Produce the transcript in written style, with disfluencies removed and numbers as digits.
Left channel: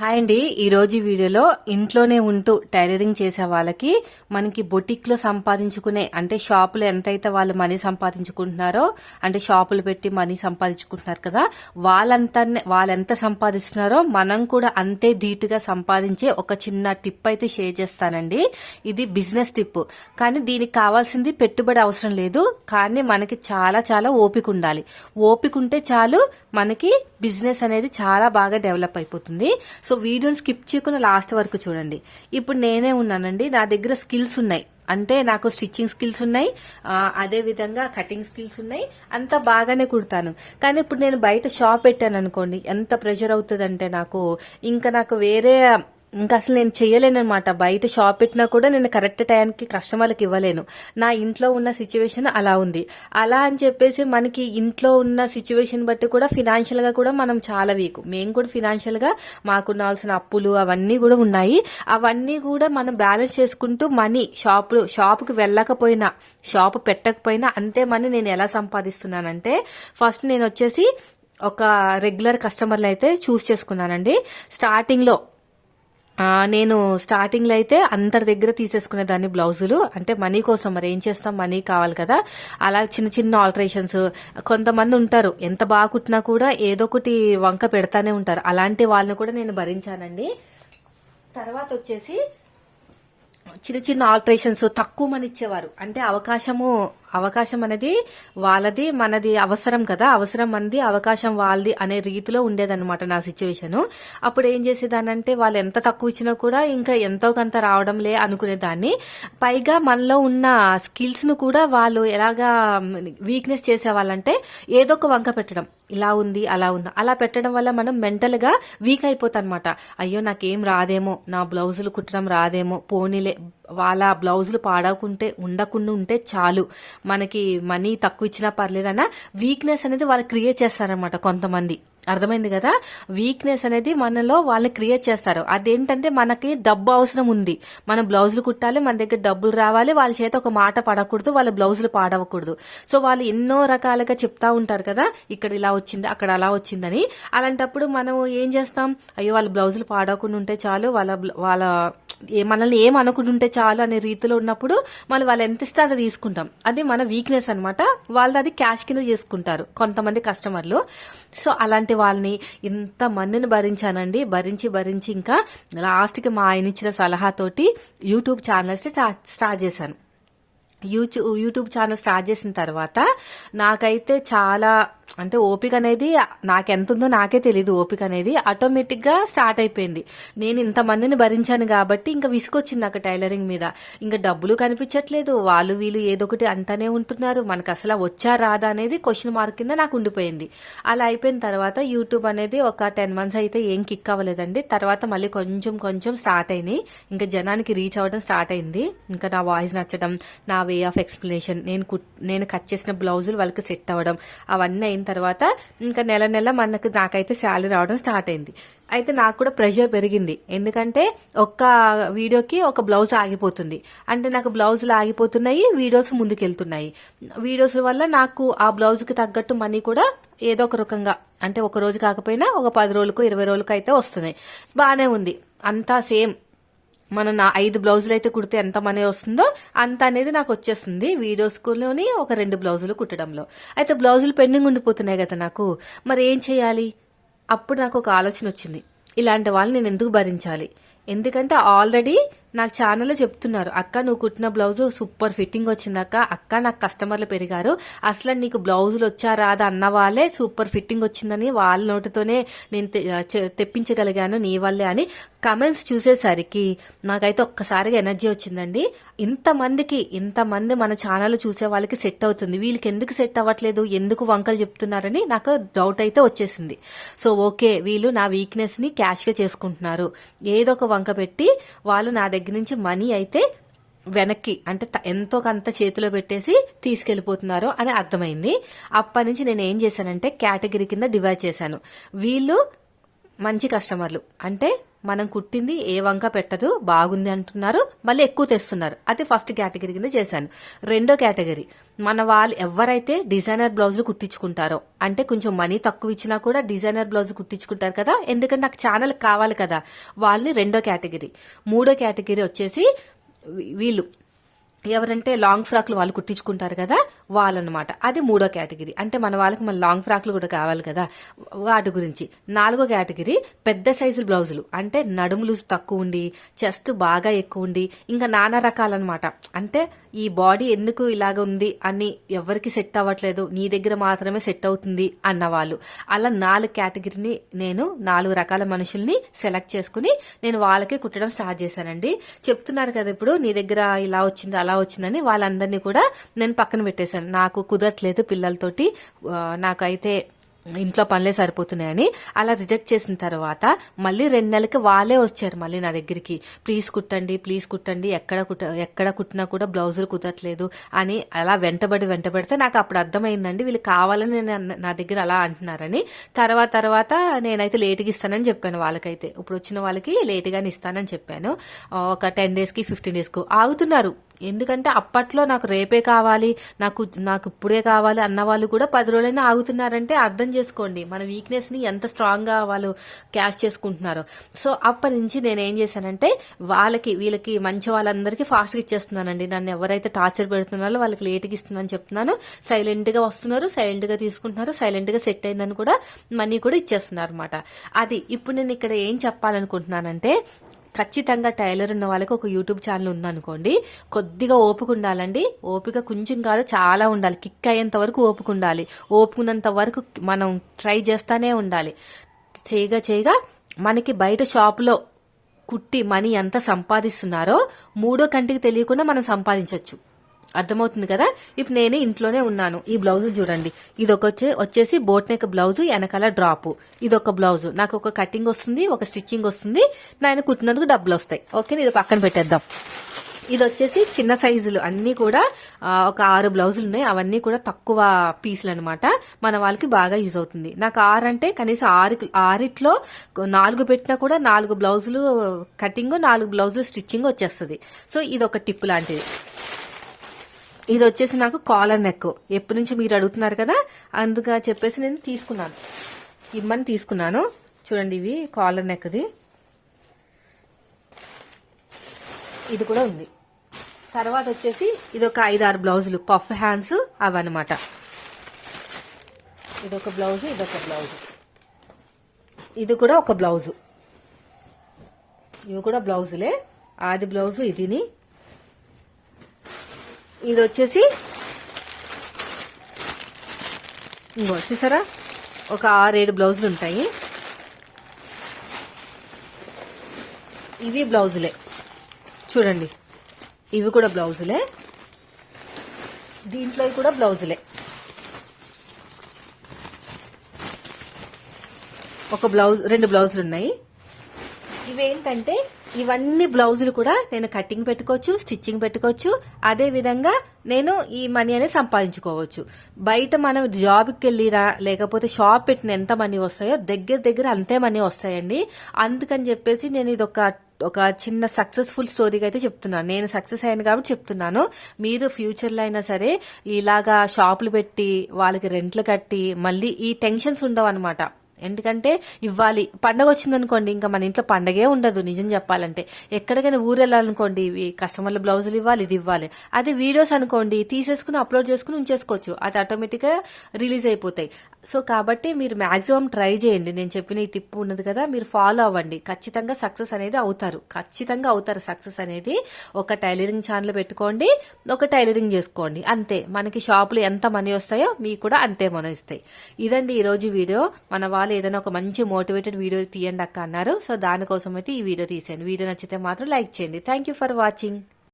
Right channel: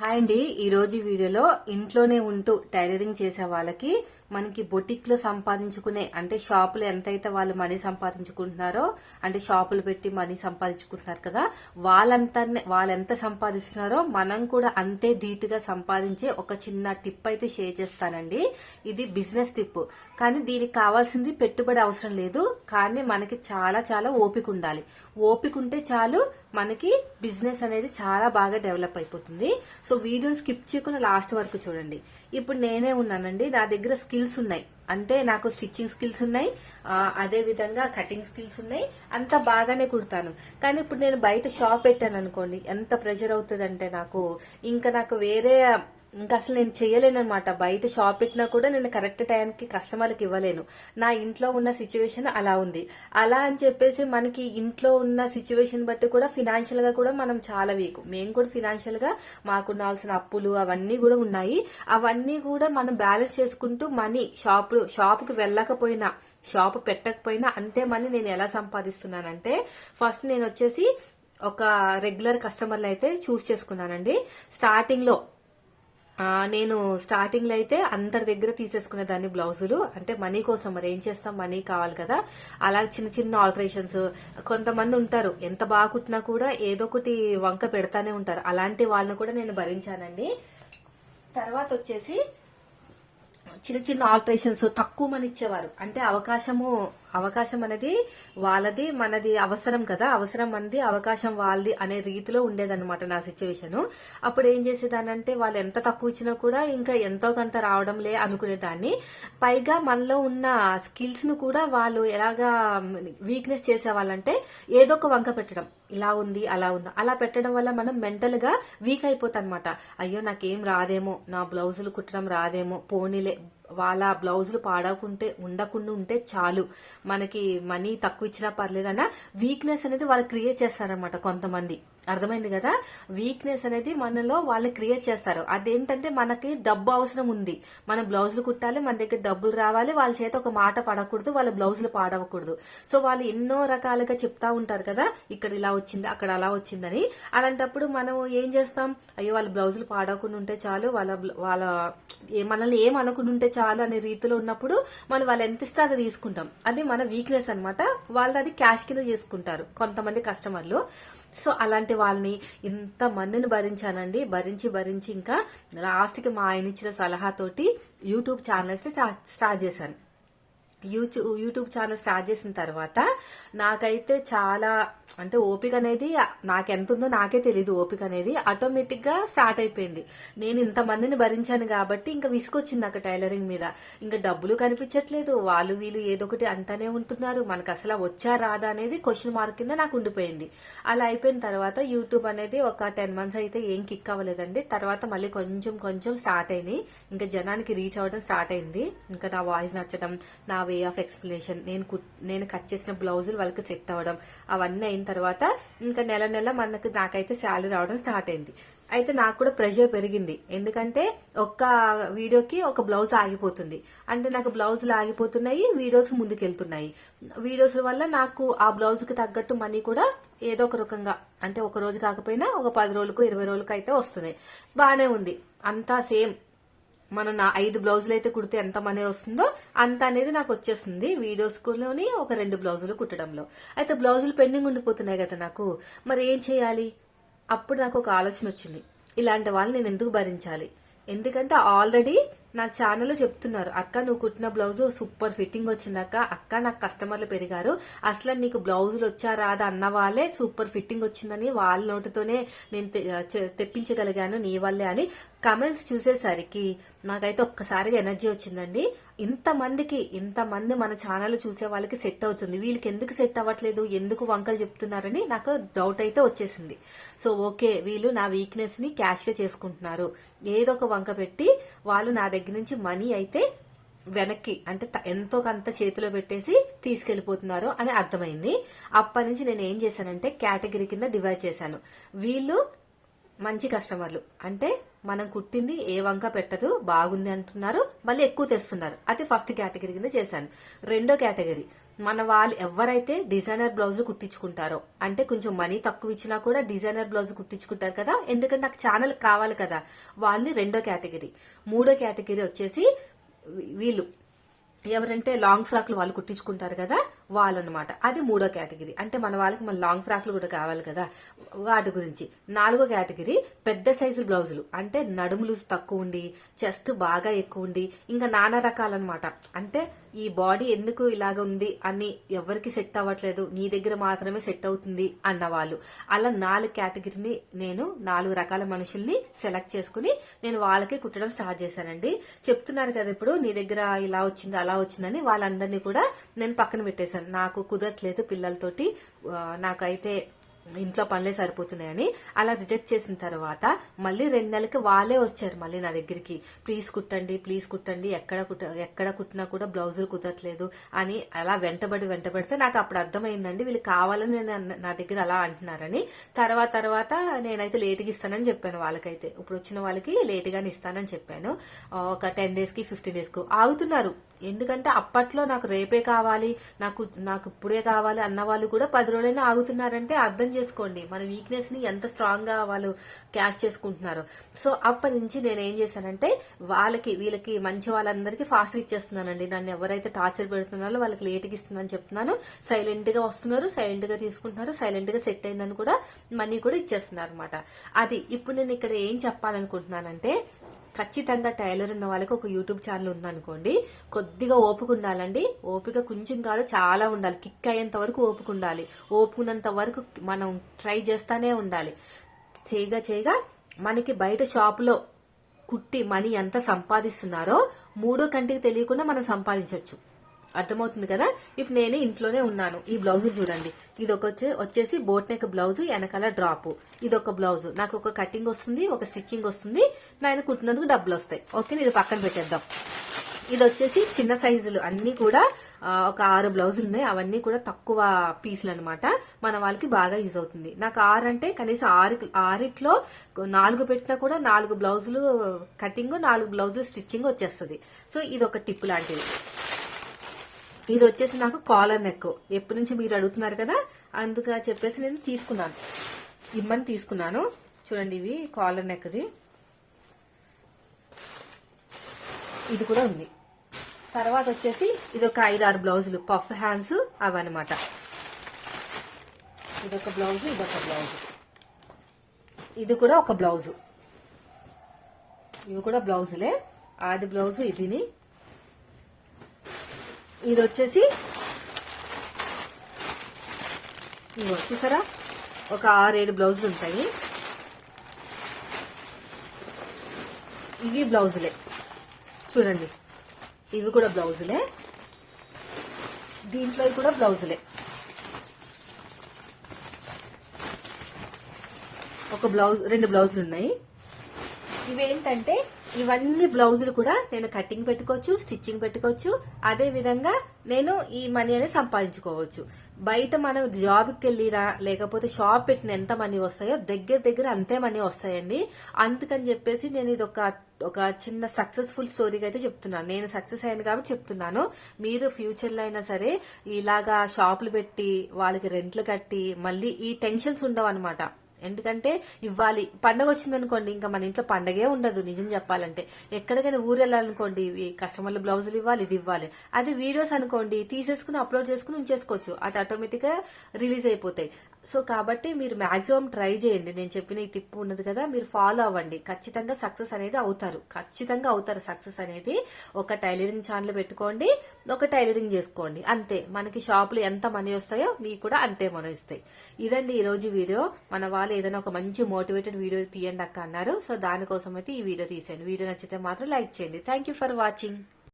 Hi అండి. ఈరోజు ఈ వీడియోలో ఇంట్లోనే ఉంటూ టైలరింగ్ చేసే వాళ్ళకి మనకి బొటిక్ లో సంపాదించుకునే అంటే షాపులో ఎంతైతే వాళ్ళు మనీ సంపాదించుకుంటున్నారో అంటే షాపులు పెట్టి మనీ సంపాదించుకుంటున్నారు కదా, వాళ్ళెంత సంపాదిస్తున్నారో మనం కూడా అంతే ధీటుగా సంపాదించే ఒక చిన్న టిప్ అయితే షేర్ చేస్తానండి. ఇది బిజినెస్ టిప్, కానీ దీనికి కావాల్సింది పెట్టుబడి అవసరం లేదు, కానీ మనకి చాలా చాలా ఓపిక ఉండాలి. ఓపిక ఉంటే చాలు, మనకి బిజినెస్ అనేది చాలా బాగా డెవలప్ అయిపోతుంది. సో వీడియోని స్కిప్ చేయకుండా లాస్ట్ వరకు చూడండి. ఇప్పుడు నేనే ఉన్నానండి, నా దగ్గర స్కిల్స్ ఉన్నాయి. అంటే నాకు స్టిచ్చింగ్ స్కిల్స్ ఉన్నాయి, అదే విధంగా కటింగ్ స్కిల్స్ ఉన్నాయి, అంత బాగానే కుడతాను. కానీ ఇప్పుడు నేను బయట షాప్ పెట్టాను అనుకోండి, ఎంత ప్రెషర్ అవుతుందంటే నాకు వేరే ఇంకా అసలు నేను చేయలేనమాట. బయట షాప్ పెట్టినా కూడా నేను కరెక్ట్ టైంకి కస్టమర్లకు ఇవ్వలేను. నా ఇంట్లో ఉన్న సిచ్యువేషన్ అలా ఉంది. అలా అని చెప్పేసి మనకి ఇంట్లో ఉన్న సిచ్యువేషన్ బట్టి కూడా ఫినాన్షియల్ గా కూడా మనం చాలా వీక్. మేము కూడా ఫినాన్షియల్ గా మాకున్నాల్సిన అప్పులు అవన్నీ కూడా ఉన్నాయి. అవన్నీ కూడా మనం బ్యాలెన్స్ చేసుకుంటూ మనీ షాప్కి వెళ్ళకపోయినా, షాప్ పెట్టకపోయినా అంతే మనీ నేను ఎలా సంపాదిస్తున్నానంటే, ఫస్ట్ నేను వచ్చేసి ఒక రెగ్యులర్ కస్టమర్లు అయితే చూస్ చేసుకున్నానండి. నేను స్టార్టింగ్ లో అయితే అందరి దగ్గర తీసేసుకునేదాన్ని బ్లౌజులు. అంటే మనీ కోసం, మరి ఏం చేస్తాం, మనీ కావాలి కదా. అలా చిన్న చిన్న ఆల్టరేషన్స్. కొంతమంది ఉంటారు ఎంత బాగా కుట్టినా కూడా ఏదో ఒకటి వంక పెడతానే ఉంటారు, అలాంటి వాళ్ళని కూడా నేను భరించానండి. తర్వాత వచ్చేసి చిన్న చిన్న ఆల్టరేషన్స్ తక్కువ మని ఇచ్చేవారు. అంటే అవకాశం అనేది వాళ్ళది, మనది అవసరం కదా, అవసరం మనది, అవకాశం వాళ్ళది అనే రీతిలో ఉండేదన్నమాట నా సిచ్యువేషన్. అప్పుడు ఏం చేసేదానంటే, వాళ్ళు ఎంత తక్కువ ఇచ్చినా కూడా ఇంకా ఎంతో కొంత రావడంలే అనుకునేదాన్ని. పైగా మనలో ఉన్న స్కిల్స్ ను కూడా వాళ్ళు ఎలాగా వీక్నెస్ చేసేవాళ్ళంటే, ఏదో ఒక వంక పెట్టడం, ఇలా ఉంది అలా ఉంది, అలా పెట్టడం వల్ల మనం మెంటల్ గా వీక్ అయిపోతాం అనమాట. అయ్యో నాకేం రాదేమో, నా బ్లౌజులు కుట్టడం రాదేమో, పోనీలే వాళ్ళ బ్లౌజులు ఉండకుండా ఉంటే చాలు, మనకి మనీ తక్కువ ఇచ్చినా పర్లేదన్న వీక్నెస్ అనేది వాళ్ళు క్రియేట్ చేస్తారనమాట కొంతమంది. అర్థమైంది కదా, వీక్నెస్ అనేది మనలో వాళ్ళని క్రియేట్ చేస్తారు. అదేంటంటే, మనకి డబ్బు అవసరం ఉంది, మన బ్లౌజులు కుట్టాలి, మన దగ్గర డబ్బులు రావాలి, వాళ్ళ చేత ఒక మాట పడకూడదు, వాళ్ళ బ్లౌజులు పాడవకూడదు. సో వాళ్ళు ఎన్నో రకాలుగా చెప్తా ఉంటారు కదా, ఇక్కడ ఇలా వచ్చింది అక్కడ అలా వచ్చిందని. అలాంటప్పుడు మనం ఏం చేస్తాం, అయ్యో వాళ్ళ బ్లౌజులు పాడవకుండా ఉంటే చాలు, వాళ్ళ మనల్ని ఏం అనుకుంటుంటే ఉంటే చాలు అనే రీతిలో ఉన్నప్పుడు వాళ్ళు ఎంత ఇస్తే అది తీసుకుంటాం. అది మన వీక్నెస్ అనమాట. వాళ్ళు అది క్యాష్ కింద చేసుకుంటారు కొంతమంది కస్టమర్లు. సో అలాంటి వాళ్ళని ఇంత మందిని భరించానండి. భరించి ఇంకా లాస్ట్ కి మా ఆయన ఇచ్చిన సలహాతోటి యూట్యూబ్ ఛానల్స్ స్టార్ట్ చేశాను. యూట్యూబ్ ఛానల్ స్టార్ట్ చేసిన తర్వాత నాకైతే చాలా అంటే ఓపిక అనేది నాకెంత ఉందో నాకే తెలియదు. ఓపిక అనేది ఆటోమేటిక్ గా స్టార్ట్ అయిపోయింది. నేను ఇంతమందిని భరించాను కాబట్టి ఇంకా విసుకొచ్చింది నాకు టైలరింగ్ మీద. ఇంకా డబ్బులు కనిపించట్లేదు, వాళ్ళు వీళ్ళు ఏదో ఒకటి అంటానే ఉంటున్నారు, మనకు అసలు వచ్చా రాదా అనేది క్వశ్చన్ మార్క్ కింద నాకు ఉండిపోయింది. అలా అయిపోయిన తర్వాత యూట్యూబ్ అనేది ఒక 10 months అయితే ఏం కిక్ అవ్వలేదండి. తర్వాత మళ్ళీ కొంచెం స్టార్ట్ అయినాయి. ఇంకా జనానికి రీచ్ అవ్వడం స్టార్ట్ అయింది. ఇంకా నా వాయిస్ నచ్చడం, నా వే ఆఫ్ ఎక్స్ప్లెనేషన్, నేను కట్ చేసిన బ్లౌజులు వాళ్ళకి సెట్ అవ్వడం, అవన్నీ అయిన తర్వాత ఇంకా నెల నాకైతే శాలరీ రావడం స్టార్ట్ అయింది. అయితే నాకు కూడా ప్రెషర్ పెరిగింది. ఎందుకంటే ఒక్క వీడియోకి ఒక బ్లౌజ్ ఆగిపోతుంది, అంటే నాకు బ్లౌజులు ఆగిపోతున్నాయి, వీడియోస్ ముందుకెళ్తున్నాయి. వీడియోస్ వల్ల నాకు ఆ బ్లౌజ్ కి తగ్గట్టు మనీ కూడా ఏదో ఒక రకంగా, అంటే ఒక రోజు కాకపోయినా ఒక 10 రోజులకు 20 రోజులకు అయితే వస్తున్నాయి. బానే ఉంది, అంతా సేమ్. మనం 5 బ్లౌజులు అయితే కుడితే ఎంత మనీ వస్తుందో అంత అనేది నాకు వచ్చేస్తుంది వీడియోస్లోని ఒక 2 బ్లౌజులు కుట్టడంలో. అయితే బ్లౌజులు పెండింగ్ ఉండిపోతున్నాయి కదా నాకు, మరి ఏం చేయాలి? అప్పుడు నాకు ఒక ఆలోచన వచ్చింది, ఇలాంటి వాళ్ళని నేను ఎందుకు భరించాలి? ఎందుకంటే ఆల్రెడీ నాకు ఛానల్లో చెప్తున్నారు, అక్క నువ్వు కుట్టిన బ్లౌజ్ సూపర్ ఫిట్టింగ్ వచ్చిందక్క, అక్క నాకు కస్టమర్లు పెరిగారు, అసలు నీకు బ్లౌజులు వచ్చా రాదా అన్న వాళ్ళే సూపర్ ఫిట్టింగ్ వచ్చిందని వాళ్ళ నోటితోనే నేను తెప్పించగలిగాను నీ వల్లే అని కమెంట్స్ చూసేసరికి నాకైతే ఒక్కసారిగా ఎనర్జీ వచ్చిందండి. ఇంతమంది మన ఛానల్ చూసే వాళ్ళకి సెట్ అవుతుంది, వీళ్ళకి ఎందుకు సెట్ అవ్వట్లేదు, ఎందుకు వంకలు చెప్తున్నారని నాకు డౌట్ అయితే వచ్చేసింది. సో ఓకే, వీళ్ళు నా వీక్నెస్ ని క్యాష్ గా చేసుకుంటున్నారు, ఏదో ఒక వంక పెట్టి వాళ్ళు నా దగ్గర నుంచి మనీ అయితే వెనక్కి అంటే ఎంతో కొంత చేతిలో పెట్టేసి తీసుకెళ్లిపోతున్నారు అని అర్థమైంది. అప్పటి నుంచి నేను ఏం చేశానంటే కేటగిరీ కింద డివైడ్ చేశాను. వీళ్ళు మంచి కస్టమర్లు అంటే మనం కుట్టింది ఏ వంక పెట్టదు, బాగుంది అంటున్నారు, మళ్ళీ ఎక్కువ తెస్తున్నారు. అది ఫస్ట్ కేటగిరీ కింద చేశాను. రెండో కేటగిరీ మన వాళ్ళు ఎవరైతే డిజైనర్ బ్లౌజులు కుట్టించుకుంటారో, అంటే కొంచెం మనీ తక్కువ ఇచ్చినా కూడా డిజైనర్ బ్లౌజ్ కుట్టించుకుంటారు కదా, ఎందుకంటే నాకు ఛానల్ కావాలి కదా, వాళ్ళని రెండో కేటగిరీ. మూడో కేటగిరీ వచ్చేసి వీళ్ళు ఎవరంటే లాంగ్ ఫ్రాక్లు వాళ్ళు కుట్టించుకుంటారు కదా వాళ్ళనమాట. అది మూడో కేటగిరీ. అంటే మన వాళ్ళకి మన లాంగ్ ఫ్రాక్లు కూడా కావాలి కదా, వాటి గురించి. నాలుగో కేటగిరీ పెద్ద సైజు బ్లౌజులు, అంటే నడుములు తక్కువ ఉండి చెస్ట్ బాగా ఎక్కువ ఉండి ఇంకా నానా రకాలన్నమాట. అంటే ఈ బాడీ ఎందుకు ఇలాగ ఉంది అని ఎవరికి సెట్ అవ్వట్లేదు, నీ దగ్గర మాత్రమే సెట్ అవుతుంది అన్న వాళ్ళు. అలా 4 కేటగిరీని నేను 4 రకాల మనుషుల్ని సెలెక్ట్ చేసుకుని నేను వాళ్ళకి కుట్టడం స్టార్ట్ చేశానండి. చెప్తున్నారు కదా ఇప్పుడు నీ దగ్గర ఇలా వచ్చింది అలా వచ్చిందని, వాళ్ళందరినీ కూడా నేను పక్కన పెట్టేశాను. నాకు కుదరట్లేదు పిల్లలతోటి, నాకైతే ఇంట్లో పనులే సరిపోతున్నాయని. అలా రిజెక్ట్ చేసిన తర్వాత మళ్ళీ 2 నెలలకి వాళ్ళే వచ్చారు మళ్ళీ నా దగ్గరికి, ప్లీజ్ కుట్టండి, ఎక్కడ కుట్టినా కూడా బ్లౌజులు కుదరట్లేదు అని. అలా వెంటబడితే నాకు అప్పుడు అర్థమైందండి వీళ్ళు కావాలని నా దగ్గర అలా అంటున్నారని. తర్వాత నేనైతే లేటుగా ఇస్తానని చెప్పాను వాళ్ళకైతే. ఇప్పుడు వచ్చిన వాళ్ళకి లేటుగానే ఇస్తానని చెప్పాను. ఒక 10 డేస్కి 15 డేస్కు ఆగుతున్నారు. ఎందుకంటే అప్పట్లో నాకు రేపే కావాలి, నాకు ఇప్పుడే కావాలి అన్న వాళ్ళు కూడా 10 రోజులైనా ఆగుతున్నారంటే అర్థం చేసుకోండి మన వీక్నెస్ ని ఎంత స్ట్రాంగ్ గా వాళ్ళు క్యాష్ చేసుకుంటున్నారు. సో అప్పటి నుంచి నేను ఏం చేశానంటే వీళ్ళకి మంచి వాళ్ళందరికీ ఫాస్ట్ గా ఇచ్చేస్తున్నానండి. నన్ను ఎవరైతే టార్చర్ పెడుతున్నారో వాళ్ళకి లేట్గా ఇస్తున్నాను చెప్తున్నాను. సైలెంట్ గా వస్తున్నారు, సైలెంట్ గా తీసుకుంటున్నారు, సైలెంట్ గా సెట్ అయిందని కూడా మనీ కూడా ఇచ్చేస్తున్నారు అనమాట. అది ఇప్పుడు నేను ఇక్కడ ఏం చెప్పాలనుకుంటున్నానంటే, ఖచ్చితంగా టైలర్ ఉన్న వాళ్ళకి ఒక యూట్యూబ్ ఛానల్ ఉందనుకోండి, కొద్దిగా ఓపిక ఉండాలండి. ఓపిక కొంచెం కాదు చాలా ఉండాలి. కిక్ అయ్యేంత వరకు ఓపిక ఉండాలి. ఓపుకున్నంత వరకు మనం ట్రై చేస్తానే ఉండాలి. చేయగా మనకి బయట షాపులో కుట్టి మనీ ఎంత సంపాదిస్తున్నారో మూడో కంటికి తెలియకుండా మనం సంపాదించవచ్చు. అర్థమవుతుంది కదా. ఇప్పుడు నేను ఇంట్లోనే ఉన్నాను. ఈ బ్లౌజులు చూడండి, ఇది వచ్చేసి బోట్ నెక్ బ్లౌజ్, వెనకాల డ్రాప్. ఇది ఒక బ్లౌజ్, నాకు ఒక కటింగ్ వస్తుంది, ఒక స్టిచ్చింగ్ వస్తుంది, నేను కుట్టినందుకు డబ్బులు వస్తాయి. ఓకే, ఇది పక్కన పెట్టేద్దాం. ఇది వచ్చేసి చిన్న సైజులు అన్ని కూడా ఒక 6 బ్లౌజులు ఉన్నాయి. అవన్నీ కూడా తక్కువ పీసులు అనమాట. మన వాళ్ళకి బాగా యూజ్ అవుతుంది. నాకు 6 అంటే కనీసం 6 4 పెట్టినా కూడా 4 బ్లౌజులు కటింగ్, 4 బ్లౌజులు స్టిచ్చింగ్ వచ్చేస్తుంది. సో ఇది ఒక టిప్ లాంటిది. ఇది వచ్చేసి నాకు కాలర్ నెక్. ఎప్పటి నుంచి మీరు అడుగుతున్నారు కదా, అందుగా చెప్పేసి నేను తీసుకున్నాను. చూడండి, ఇవి కాలర్ నెక్ది. ఇది కూడా ఉంది. తర్వాత వచ్చేసి ఇది ఒక 5-6 బ్లౌజులు పఫ్ హ్యాండ్స్ అవన్నమాట. ఇదొక బ్లౌజ్, ఇది కూడా ఒక బ్లౌజు. ఇవి కూడా బ్లౌజులే. ఆది బ్లౌజు ఇదిని. ఇది వచ్చేసి చూసారా, ఒక 6-7 బ్లౌజులు ఉంటాయి. ఇవి బ్లౌజులే చూడండి, ఇవి కూడా బ్లౌజులే. దీంట్లో కూడా బ్లౌజులే. ఒక బ్లౌజ్, 2 బ్లౌజులు ఉన్నాయి. ఇవేంటంటే ఇవన్నీ బ్లౌజులు కూడా నేను కటింగ్ పెట్టుకోవచ్చు, స్టిచ్చింగ్ పెట్టుకోవచ్చు. అదే విధంగా నేను ఈ మనీ అనేది సంపాదించుకోవచ్చు. బయట మనం జాబ్కి వెళ్ళిరా లేకపోతే షాప్ పెట్టిన ఎంత మనీ వస్తాయో దగ్గర అంతే మనీ వస్తాయండి. అందుకని చెప్పేసి నేను ఇది ఒక చిన్న సక్సెస్ఫుల్ స్టోరీగా అయితే చెప్తున్నాను. నేను సక్సెస్ అయ్యాను కాబట్టి చెప్తున్నాను. మీరు ఫ్యూచర్లో అయినా సరే ఇలాగా షాపులు పెట్టి వాళ్ళకి రెంట్లు కట్టి మళ్ళీ ఈ టెన్షన్స్ ఉండవు అనమాట. ఎందుకంటే ఇవ్వాలి, పండగ వచ్చిందనుకోండి ఇంకా మన ఇంట్లో పండగే ఉండదు. నిజం చెప్పాలంటే ఎక్కడికైనా ఊరు వెళ్ళాలనుకోండి, ఇవి కస్టమర్ల బ్లౌజులు ఇవ్వాలి, ఇది ఇవ్వాలి. అదే వీడియోస్ అనుకోండి, తీసేసుకుని అప్లోడ్ చేసుకుని ఉంచేసుకోవచ్చు, అది ఆటోమేటిక్ గా రిలీజ్ అయిపోతాయి. సో కాబట్టి మీరు మాక్సిమం ట్రై చేయండి. నేను చెప్పిన ఈ టిప్ ఉన్నది కదా, మీరు ఫాలో అవ్వండి. ఖచ్చితంగా సక్సెస్ అనేది అవుతారు, సక్సెస్ అనేది. ఒక టైలరింగ్ ఛానల్ పెట్టుకోండి, ఒక టైలరింగ్ చేసుకోండి, అంతే. మనకి షాపులు ఎంత మనీ వస్తాయో మీకు కూడా అంతే మనీ ఇస్తాయి. ఇదండి ఈ రోజు వీడియో. మన వాళ్ళు ఏదైనా ఒక మంచి మోటివేటెడ్ వీడియో తీయండి అక్క అన్నారు. సో దానికోసం అయితే ఈ వీడియో తీసాను. వీడియో నచ్చితే మాత్రం లైక్ చేయండి. Thank you for watching.